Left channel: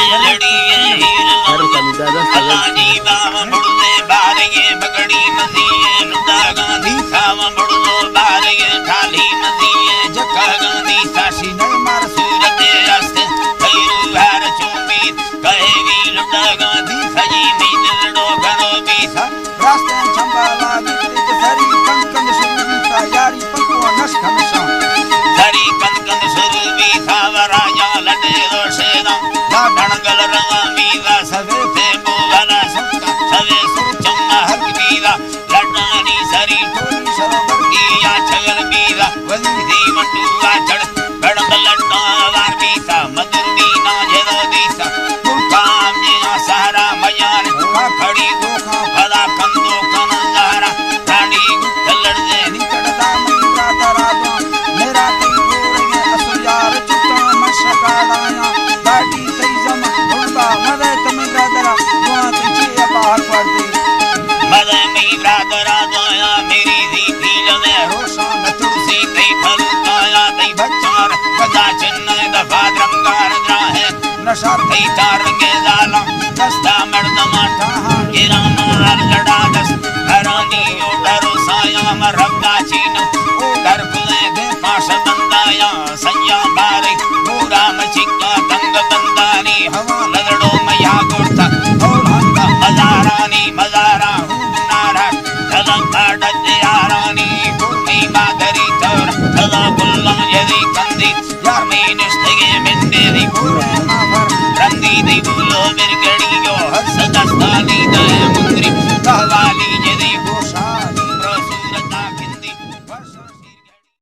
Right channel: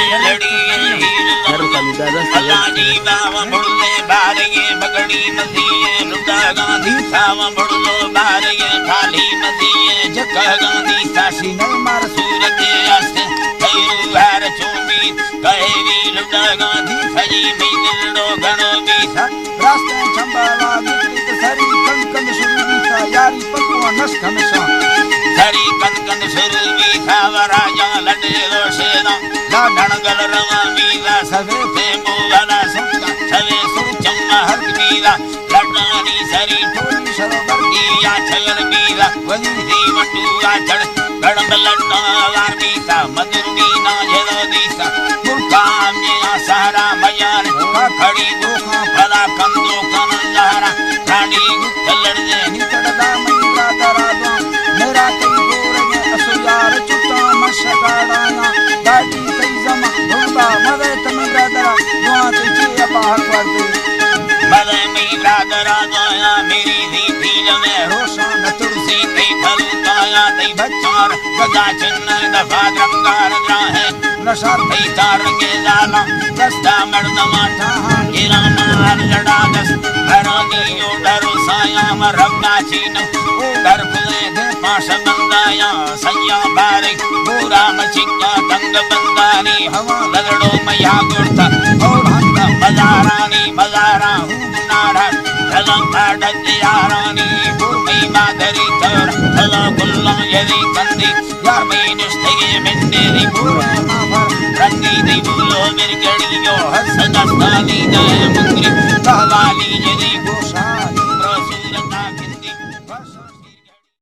लड़ी अलाजी बाव मुड़ने बारे बगड़ी मसीए लुदा गांधी सावा मुड़नो बारे थाली मसीए जका गांधी सासी नरमार सूरत आस्ते कैरू हार चूमी कहेवी लुदा गांधी सजी मीनड़ो घणो बीसा रास्ते संभाला जित सरी कंकन सुरवी सा यारी पको नस हमेशा सरी कंकन सुरवी था वराजा लडे दोसेरा ला डणगल रवामी वा सवे पे मोवाला सुक्का सवे सुरचम्मा हर वीरा लडानी सरी टोली सरोवर किया छगल वीरा वली दी मटुआ चढ़ गड़म लड्डा वार बीता मधुरी ना जेदो बीसा मुकाम ये सहारा मयान खड़ी गोखा फला कंदो कनंदारा खाड़ी गुत्तलड़ जे निचड़दा मंद्रा दरादो मेरा कई गोरे असुयार चुता मशकाड़ाया दादी सही जमा भुलबा मवे तम ब्रादरा दुआ तुझे अपार कर दे मवे मेरी ब्रादरा दुआ मेरी दी दिल में रोशन तुलसी तई फल पाया तई बच्चार गदा चिन्ह दफा रंगार है नशा तई तारंगे लाला दस्ता मर्द माथा गिरा मार लड़ा दस हरानी डरो साया मरबा चीन ओ डर फुले दे पास बंदाया सैया बारे पूरा मचिका तंग बंदानी हवा लड़ो मैया गुरता और हंगा मजारानी मजारा हूं नारा चलम काडत यारानी पुरमी मागरी तोर चला गुल्ला यदि कंदी यार में निष्ठगे मिंदे दी पूरा माफर रंगी दी बोलो मेरी गड़ियो हंस दस्तानी दर मुंद्री कहवाली यदि गोशाली प्रसूरता किंदी